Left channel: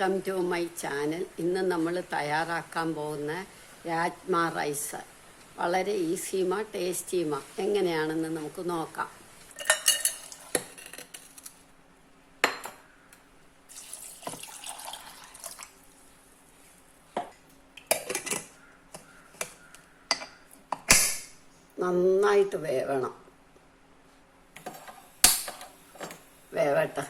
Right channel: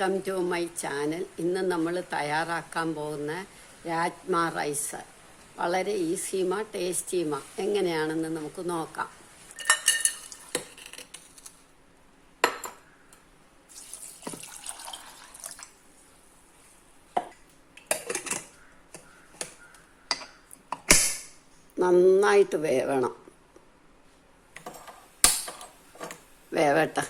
Welcome to my channel. ഇന്ന് നമ്മൾ തയ്യാറാക്കാൻ പോകുന്ന രാജ്മ റൈസ് വളരെ ഈസിയുമ ടേസ്റ്റിയുമ എങ്ങനെയാണെന്ന് നമുക്ക് നോക്കാം. നന്നായിട്ട് വേവട്ടെ.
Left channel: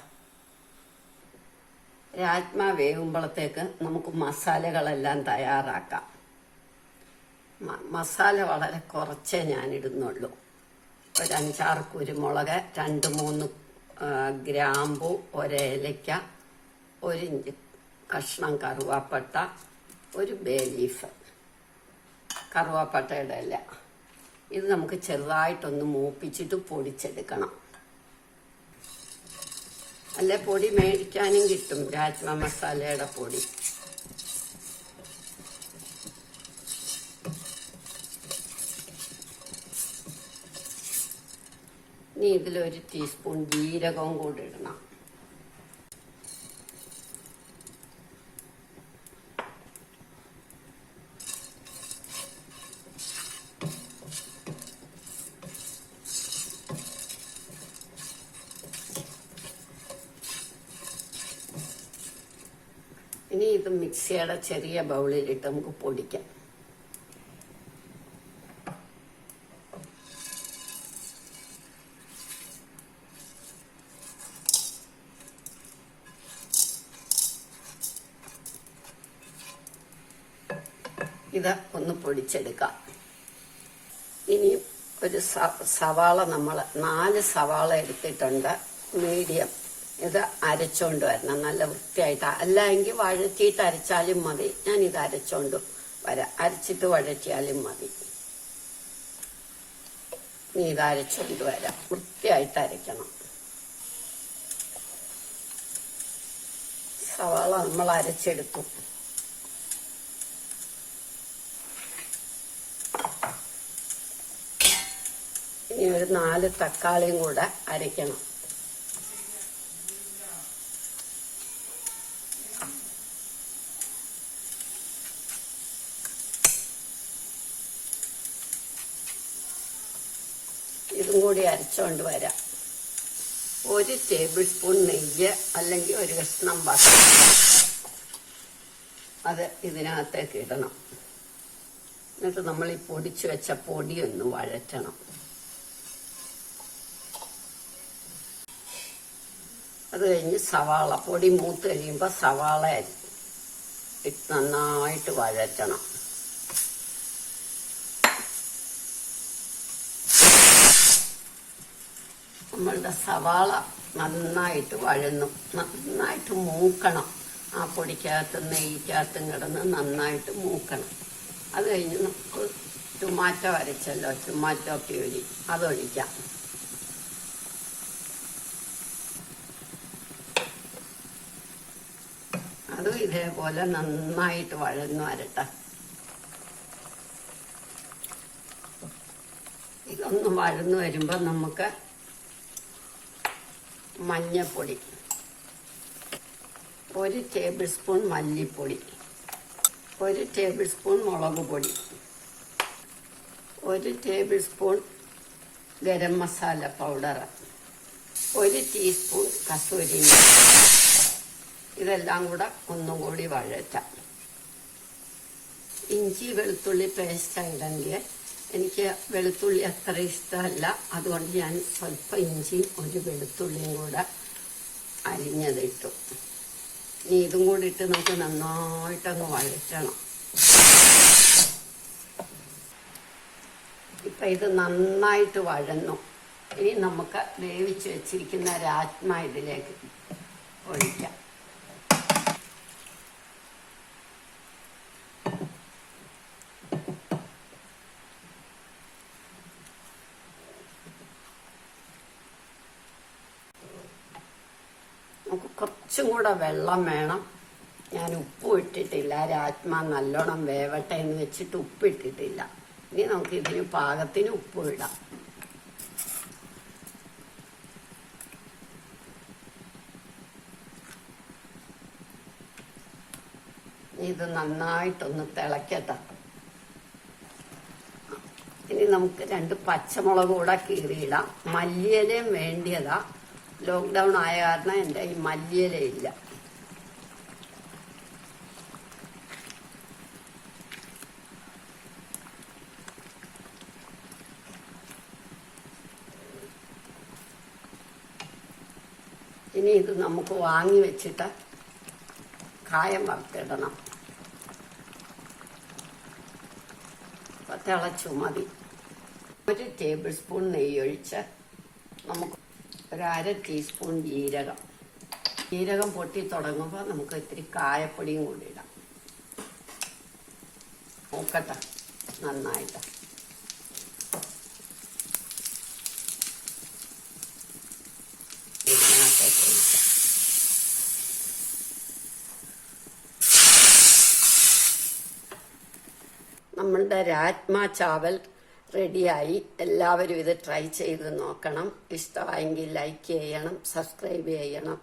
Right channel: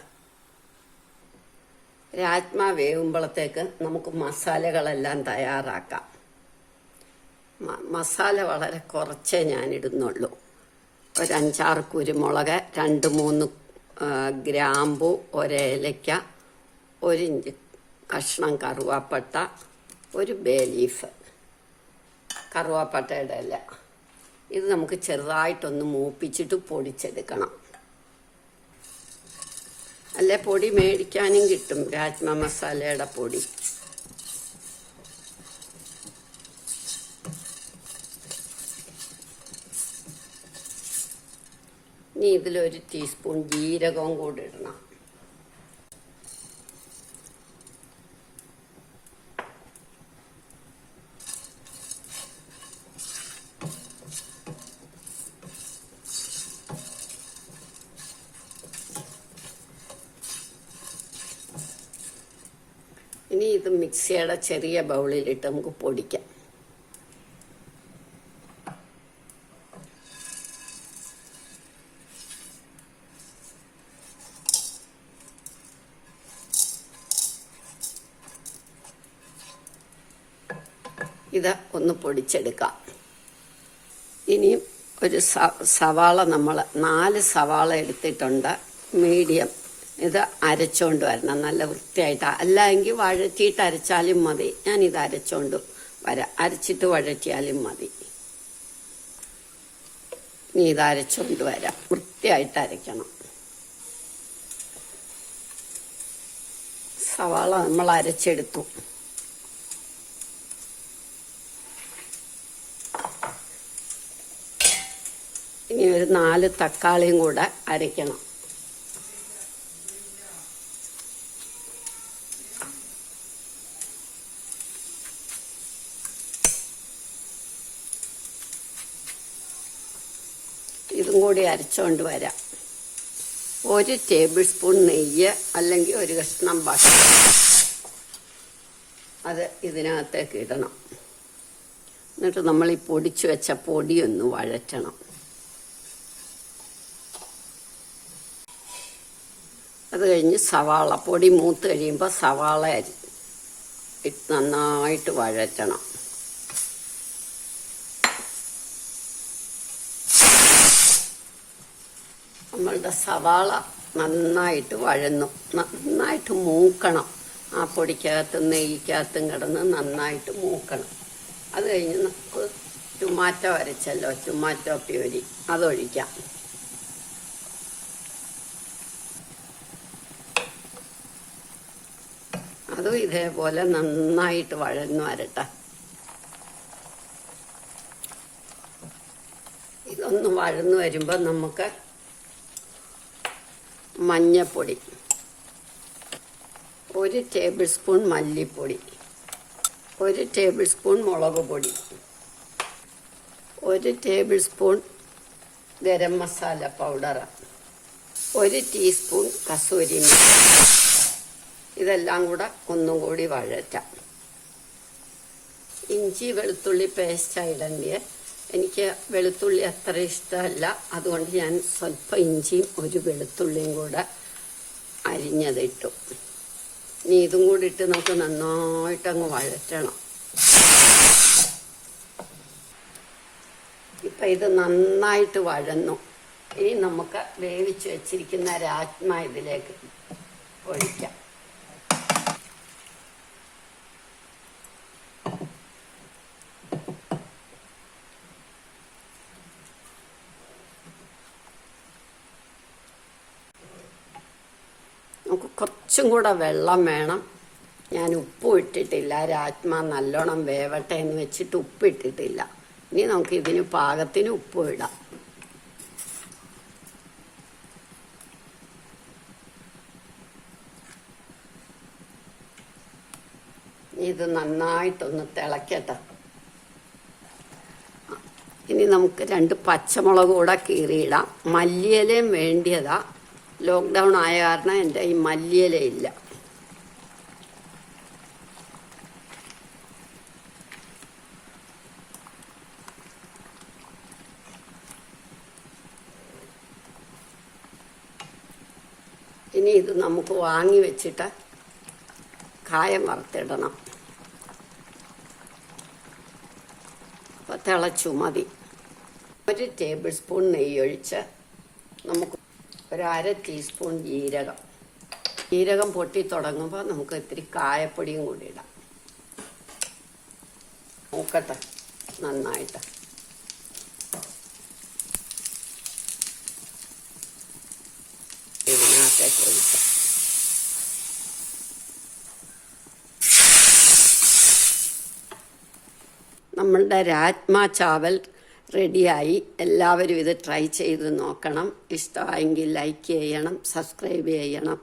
രാജ്മ വേവുമ്പോഴത്തേക്ക് നമുക്ക് മസാലകളെല്ലാം തയ്യാറാക്കാം. മസാല വളരെ കുറച്ചേ ഞാനിടുന്നുള്ളൂ. ഒരു 5-6 കുരുമുളക്, 2-3 ഗ്രാമ്പു, ഒരേലയ്ക്ക, 1 ഇഞ്ച് കഷ്ണം കറുവാപ്പട്ട, 1 ബേ ലീഫ്. കറുവാപ്പട്ടയുടെ ഇല ഇത് നമുക്ക് ചെറുതായിട്ടൊന്ന് മൂപ്പിച്ചിട്ട് പൊടിച്ചെടുക്കണം. അല്ലെ പൊടി മേടിക്കാനും കിട്ടും, രാജ്മ മസാലയുടെ പൊടി. ഇനി ഇതിലൊരു ടീസ്പൂൺ ജീരകവും കൂടി ഇടണം. ഇനി ഇത് മിക്സിയുടെ ചെറിയ ബൗളിലിട്ട് നമുക്ക് പൊടിക്കാം. ഇത് ഒന്ന് പൊടിച്ചെടുക്കാം. ഇനി ഒരു സവാള, നമ്മൾ 4 സവാള എടുത്തിട്ടുണ്ട്, മീഡിയം. ഇത് അരച്ചോണ്ട് വരണം നല്ല വൃത്തിയായിട്ട്. അല്ലെങ്കിൽ വഴറ്റിയിട്ട് അരച്ചാലും മതി. ഞാനിത് അരച്ചോണ്ട് വരാം, അരച്ചിട്ട് വഴറ്റിയാലും മതി. ഇനി ഇത് അരച്ചോണ്ട് വരാം. വൃത്തിയായിട്ട് അരയ്ക്കണം. സവാള നമ്മൾ അരച്ചെടുത്തു. ഇനി ഒരു 4 തക്കാളിയും കൂടെ അരയ്ക്കണം. ഇതും കൂടി അരച്ചുകൊണ്ട് വരാം. 1 ടേബിൾ സ്പൂൺ നെയ്യ് അല്ലെങ്കിൽ 1 കഷ്ണം ബട്ടർ അത് ഇതിനകത്തേക്ക് ഇടണം. എന്നിട്ട് നമ്മൾ ഈ പൊടിച്ചു വെച്ച പൊടിയൊന്ന് വഴറ്റണം. അത് കഴിഞ്ഞ് സവാള പൊടി മൂത്ത് കഴിയുമ്പോൾ സവാള നന്നായിട്ട് വഴറ്റണം. നമ്മളുടെ സവാള നന്നായിട്ട് വഴന്നു, നന്നായിട്ട് മൂക്കണം. ആ പൊടിക്കകത്തും നെയ്ക്കകത്തും കിടന്ന് നന്നായിട്ട് മൂക്കണം. അത് കഴിഞ്ഞ് നമുക്ക് ടൊമാറ്റോ അരച്ചല്ലോ, ടൊമാറ്റോ പ്യൂരി അതൊഴിക്കാം. അതും ഇതേപോലെ നന്നായിട്ട് വഴന്നു വരട്ടെ. ഇതൊന്ന് വഴന്നു വരുമ്പോൾ നമുക്ക് മഞ്ഞപ്പൊടി, 1 ടേബിൾ സ്പൂൺ മല്ലിപ്പൊടി, 1 ടേബിൾ സ്പൂൺ മുളക് പൊടി, 1 tablespoon garam masala powder, 1 teaspoon kasuri methi. ഇതെല്ലാം കൂടെ ഒന്നും കൂടി വഴറ്റാം. ഇഞ്ചി വെളുത്തുള്ളി പേസ്റ്റായിടേണ്ടിയ, എനിക്ക് വെളുത്തുള്ളി അത്ര ഇഷ്ടമല്ല, അതുകൊണ്ട് ഞാൻ സ്വല്പം ഇഞ്ചിയും 1 വെളുത്തുള്ളിയും കൂടെ അരിഞ്ഞതിട്ടു. ഇനി ഇതും കൂടി ഇട്ട് നമുക്ക് നന്നായിട്ടങ്ങ് വഴറ്റണം. ഇപ്പം ഇത് നന്നായിട്ട് വഴന്നു. ഇനി നമുക്ക് വേവിച്ച് വെച്ചിരിക്കുന്ന രാജ്മ ഇതിലേക്ക് ഒഴിക്കാം. നമുക്ക് കുറച്ചും കൂടെ വെള്ളം വേണം. ഞാൻ ഉപ്പും ഇട്ടിട്ടില്ല. രാജ്മ നല്ലോണം വേവട്ടെ എന്ന് വെച്ചിട്ട് ഉപ്പിട്ടിട്ടില്ല. ഇനി നമുക്ക് ഇതിന് പാകത്തിന് ഉപ്പും ഇടാം. ഇത് നന്നായിട്ടൊന്ന് തിളക്കട്ടെ. ഇനി നമുക്ക് 2 പച്ചമുളക് കൂടെ കീറിയിടാം. മല്ലിയിലയും വേണ്ടിയതാ. ലോക്ക്ഡൗൺ ആയ കാരണം എൻ്റെ ഈ മല്ലിയില ഇല്ല. ഇനി ഇത് നമുക്ക് വാങ്ങി വെച്ചിട്ട് കായം വറുത്തിടണം. അപ്പം തിളച്ചു മതി. 1 ടേബിൾ സ്പൂൺ നെയ്യൊഴിച്ച് നമുക്ക് 1/2 ടീസ്പൂൺ ജീരകം പൊട്ടി തുടങ്ങുമ്പോൾ നമുക്ക് ഇത്തിരി കായപ്പൊടിയും കൂടി ഇടാം. നോക്കട്ടെ നന്നായിട്ട്. ഇതിനകത്തേക്ക് ഒഴിക്കാം. നമ്മളുടെ രാജ്മ ചാവൽ റെഡിയായി. എല്ലാവരും ഇത് ട്രൈ ചെയ്ത് നോക്കണം. ഇഷ്ടമായെങ്കിൽ ലൈക്ക് ചെയ്യണം, സബ്സ്ക്രൈബ് ചെയ്യണം.